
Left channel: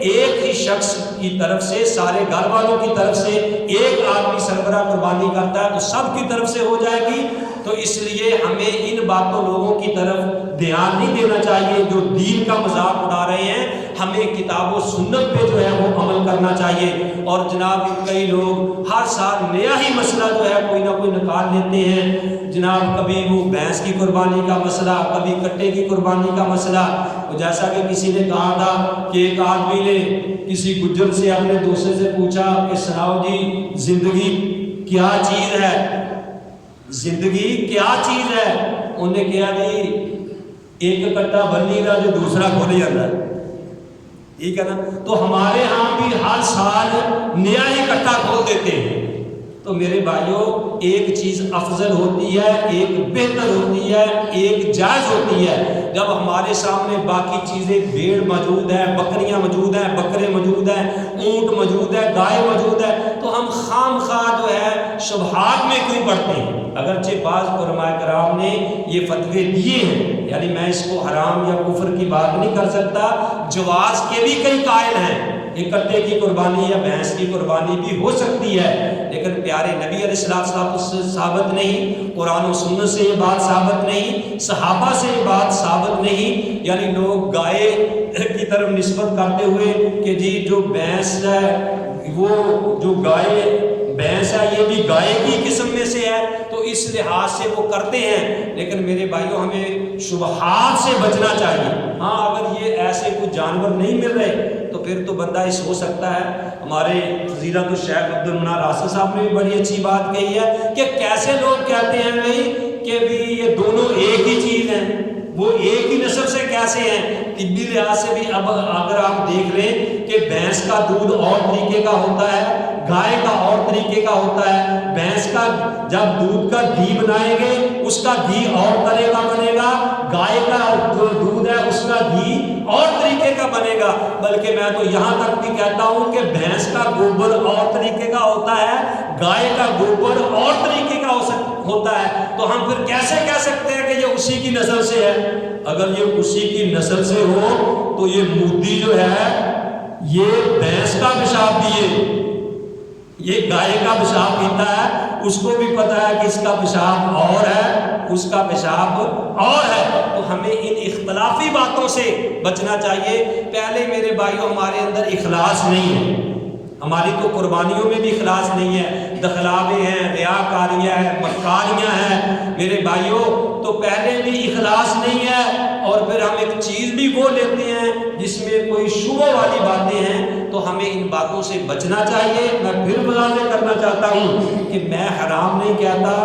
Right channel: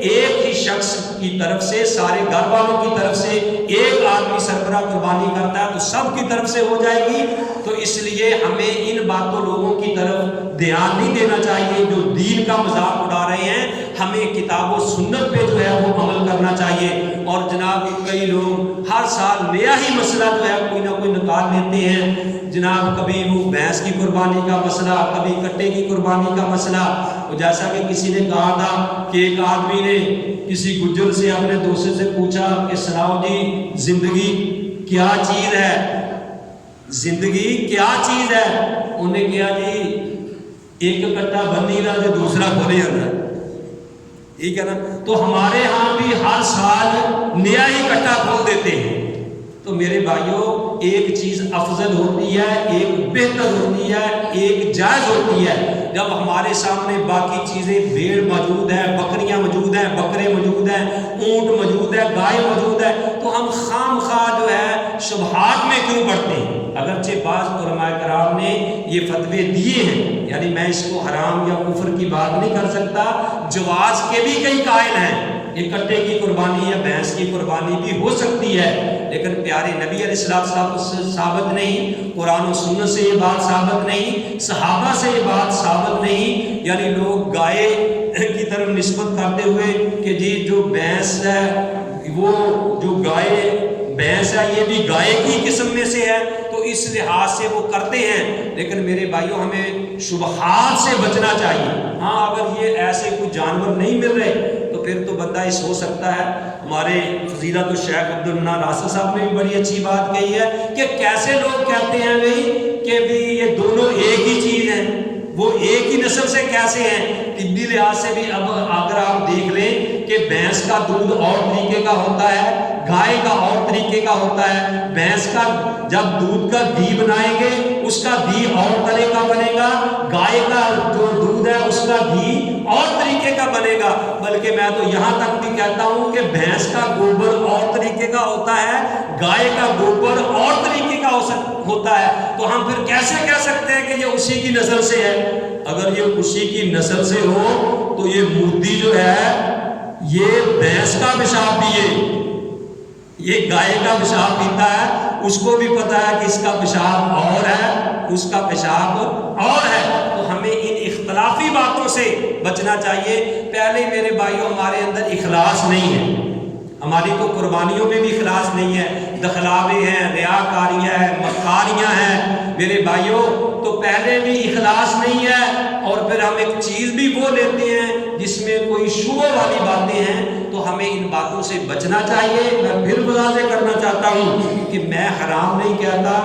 ایک ہی شخص کی طرف سے، سارے گھر والوں کی طرف سے ایک آدمی سربراہ قربانی کرتا ہے تو سب کی طرف سے ہو جائے گی۔ تو اس لیے ہمیں ان باتوں لوگوں کی طرف دھیان نہیں دینا چاہیے جو دین کا مذاق اڑا رہے ہیں، ہمیں کتاب و سنت پہ جو ہے وہ عمل کرنا چاہیے۔ اور جناب کئی لوگ ہر سال نیا ہی مسئلہ جو ہے کوئی نہ کوئی نکال لیتے ہیں، جناب کبھی وہ بھینس کی قربانی کا مسئلہ، کبھی کٹے کی قربانی کا مسئلہ۔ جیسا کہ کسی نے کہا تھا کہ ایک آدمی نے کسی گجر سے اپنے دوست سے پوچھا کہ سناؤ جی زندگی کیا چیز ہے، زندگی کیا چیز ہے؟ انہوں نے کہا جی ایک کٹا بنی رہا جو دوسرا کھول جاتا ہے، ٹھیک ہے نا۔ تو ہمارے ہاں بھی ہر سال نیا ہی کٹا کھول دیتے ہیں۔ تو میرے بھائیوں ایک چیز افضل ہوتی ہے، ایک بہتر ہوتی ہے، ایک جائز ہوتی ہے۔ جب ہمارے سامنے باقی چیزیں، بھیڑ موجود ہے، بکریاں موجود ہیں، بکرے موجود ہیں، اونٹ موجود ہے، گائے موجود ہے، تو ہم خام خواہ جو ہے شبہات میں کیوں پڑتے ہیں؟ اگرچہ بعض علماء کرام نے یہ فتوے دیے ہیں، یعنی میں اس کو حرام یا کفر کی بات نہیں کر سکتا، جواز کے بھی کئی قائل ہیں، ایک کٹے کی قربانی یا بھینس کی قربانی بھی ہو سکتی ہے، لیکن پیارے نبی علیہ السلام سے ثابت نہیں، قرآن و سنت سے یہ بات ثابت نہیں، صحابہ سے یہ بات ثابت نہیں۔ یعنی لوگ گائے کی طرف نسبت کرتے ہوئے کہ جی جو بھینس ہے، وہ جو گائے بھینس ہے یہ بھی گائے کی قسم میں سے ہے، تو اس لحاظ سے وہ کرتے ہیں، لیکن میرے بھائیوں ہمیں شبہات سے بچنا چاہیے۔ ہاں اگر یہ ایسے کوئی جانور نہیں مل رہے تو پھر تو بندہ اس ہو سکتا ہے۔ ہمارے فضیلت الشیخ عبد المنان راسل صاحب نے بھی بڑی اچھی بات کہی ہے کہ کیسے لوگ کہتے ہیں بھائی کہ بھی یہ دونوں ایک ہی چیز ہیں، وہ ایک ہی نسل سے کیسے ہیں؟ طبی لحاظ سے بھی اب اگر آپ دیکھ رہے کہ بھینس کا دودھ اور طریقے کا ہوتا ہے، گائے کا اور طریقے کا ہوتا ہے، بھینس کا جب دودھ کا گھی بنائیں گے اس کا گھی اور طرح کا بنے گا، گائے کا جو دودھ ہے اس کا گھی اور طریقے کا بنے گا، بلکہ میں تو یہاں تک بھی کہتا ہوں کہ بھینس کا گوبر اور طریقے کا ہوتا ہے، گائے کا گوبر اور طریقے کا ہوتا ہے، تو ہم پھر کیسے کہہ سکتے ہیں کہ یہ اسی کی نسل سے ہے؟ اگر یہ اسی کی نسل سے ہو تو یہ مودی جو ہے یہ بھینس کا پیشاب پیے، یہ گائے کا پیشاب پیتا ہے، اس کو بھی پتا ہے کہ اس کا پیشاب اور ہے، اس کا پیشاب اور ہے، تو ہمیں ان اختلافی باتوں سے بچنا چاہیے۔ پہلے میرے بھائیوں ہمارے اندر اخلاص نہیں ہے، ہماری تو قربانیوں میں بھی اخلاص نہیں ہے، دخلاوے ہیں، ریاکاریاں ہیں، مکاریاں ہیں میرے بھائیوں، تو پہلے بھی اخلاص نہیں ہے، اور پھر ہم ایک چیز بھی وہ لیتے ہیں جس میں کوئی شبہ والی باتیں ہیں، تو ہمیں ان باتوں سے بچنا چاہیے۔ میں پھر واضح کرنا چاہتا ہوں کہ میں حرام نہیں کہتا،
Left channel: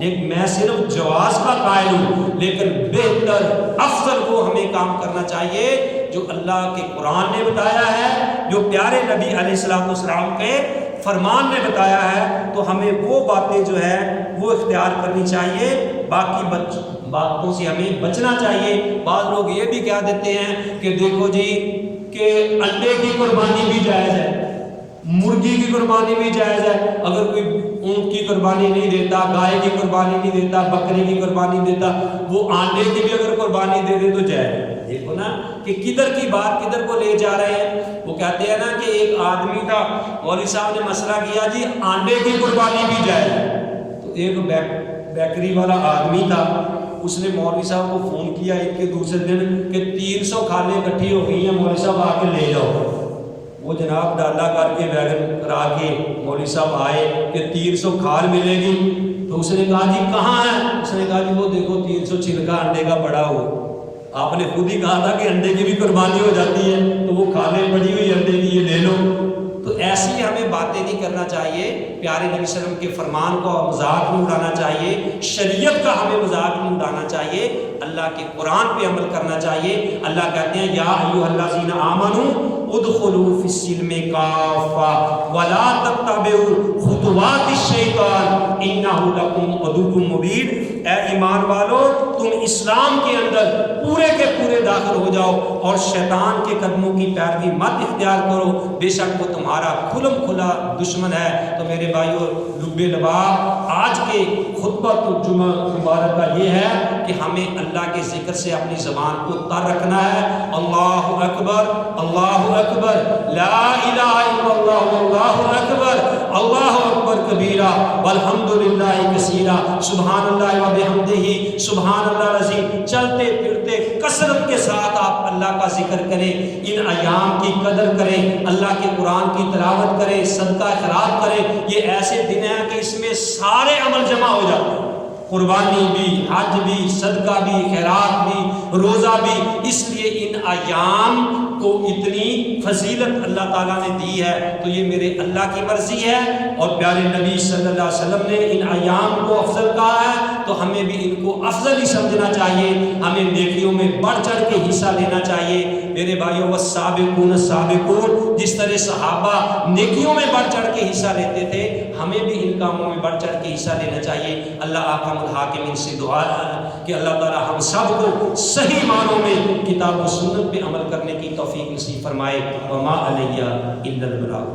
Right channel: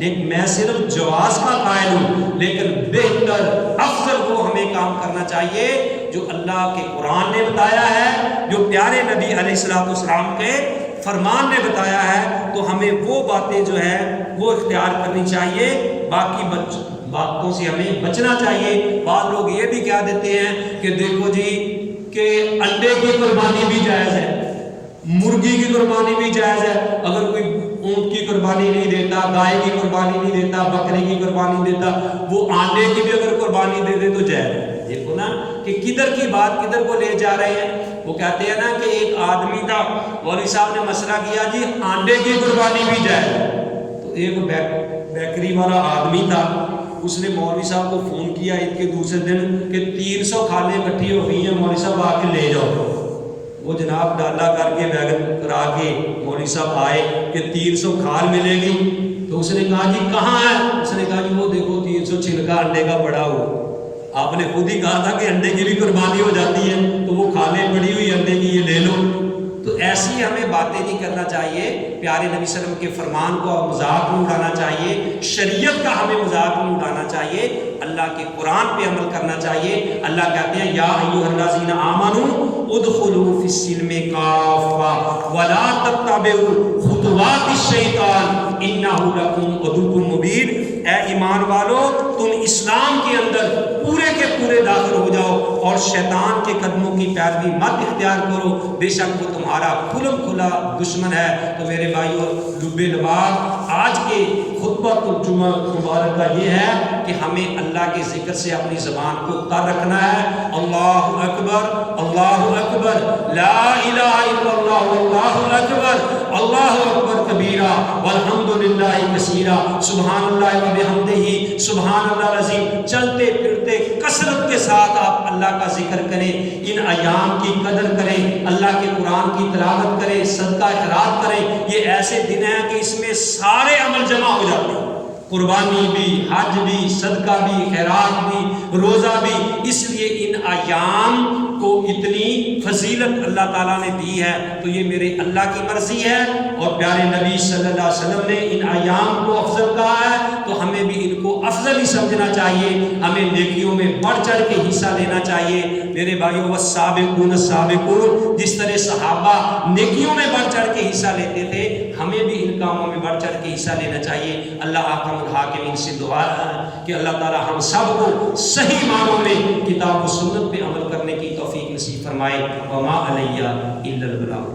لیکن میں صرف جواز کا قائل ہوں، لیکن بہتر افضل وہ ہمیں کام کرنا چاہیے جو اللہ کے قرآن نے بتایا ہے، جو پیارے نبی علیہ الصلوۃ والسلام کے فرمان نے بتایا ہے، تو ہمیں وہ باتیں جو ہے وہ اختیار کرنی چاہیے، باقی باتوں سے ہمیں بچنا چاہیے۔ بعض لوگ یہ بھی کہہ دیتے ہیں کہ دیکھو جی کہ انڈے کی قربانی بھی جائز ہے، مرغی کی قربانی بھی جائز ہے، اگر کوئی اونٹ کی قربانی نہیں دیتا، گائے کی قربانی نہیں دیتا، بکری کی قربانی دیتا، وہ آنڈے کی بھی اگر قربانی دے دے تو جائز ہے۔ دیکھو نا کہ کدھر کی بات کدھر کو لے جا رہے ہیں۔ وہ کہتے ہیں نا کہ ایک آدمی تھا، مولوی صاحب نے مسئلہ کیا جی آنڈے کی قربانی بھی جائز ہے، تو ایک بیکری والا آدمی تھا، اس نے مولوی صاحب کو فون کیا عید کے دوسرے دن کہ 300 کھالیں اکٹھی ہو گئی ہیں، مولوی صاحب آ کے لے جاؤ۔ وہ جناب ڈالا کر کے بیگن کرا کے مولوی صاحب آئے کہ 300 کھال ملے گی، تو اس نے کہا جی کہاں ہے؟ اس نے کہا جی وہ دیکھو 300 چھلکا انڈے کا پڑا ہو۔ آپ نے خود ہی کہا تھا کہ انڈے کی بھی قربانی ہو جاتی ہے، تو وہ کھالیں پڑی ہوئی انڈے کی یہ لے لو۔ تو ایسی ہمیں باتیں نہیں کرنا چاہیے، پیارے نبی صلی اللہ علیہ وسلم کے فرمان کو مذاق نہیں اڑانا چاہیے، شریعت کا ہمیں مذاق نہیں اڑانا چاہیے، اللہ کے قرآن پہ عمل کرنا چاہیے۔ اللہ کہتے ہیں یا ایھا الذین آمنوا ادخلوا فی السلم کافہ ولا تتبعوا خطوات الشیطان انہ لکم عدو مبین۔ اے ایمان والو تم اسلام کے اندر پورے کے پورے داخل ہو جاؤ اور شیطان کے قدموں کی پیروی مت اختیار کرو، بے شک وہ تمہارا کھلم کھلا دشمن ہے۔ تو میرے بھائیو لب لباب آج کے خطبۃ الجمعہ مبارک کا یہ ہے کہ ہمیں اللہ کے ذکر سے اپنی زبان کو تر رکھنا ہے۔ اللہ اکبر اللہ اکبر لا الہ الا اللہ واللہ اکبر اللہ اکبر کبیرہ والحمد للہ کثیرہ سبحان اللہ وبحمدہ سبحان اللہ العظیم۔ چلتے پھرتے کثرت کے ساتھ آپ اللہ کا ذکر کریں، ان ایام کی قدر کریں، اللہ کے قرآن کی تلاوت کریں، صدقہ خیرات کریں۔ یہ ایسے دن ہیں کہ اس میں سارے عمل جمع ہو جاتے ہیں، قربانی بھی، حج بھی، صدقہ بھی، خیرات بھی، روزہ بھی۔ اس لیے ان ایام کو اتنی فضیلت اللہ تعالیٰ نے دی ہے، تو یہ میرے اللہ کی مرضی ہے، اور پیارے نبی صلی اللہ علیہ وسلم نے ان ایام کو افضل کہا ہے، تو ہمیں بھی ان کو افضل ہی سمجھنا چاہیے، ہمیں نیکیوں میں بڑھ چڑھ کے حصہ لینا چاہیے۔ میرے بھائیو والسابقون السابقون، جس طرح صحابہ نیکیوں میں بڑھ چڑھ کے حصہ لیتے تھے، ہمیں بھی ان کاموں میں بڑھ چڑھ کے حصہ لینا چاہیے۔ اللہ احکم الحاکمین سے دعا ہے کہ اللہ تعالی ہم سب کو صحیح معنوں میں کتاب و سنت پہ عمل کرنے کی توفیق نصیب فرمائے۔ وما علیہ الا البلاغ۔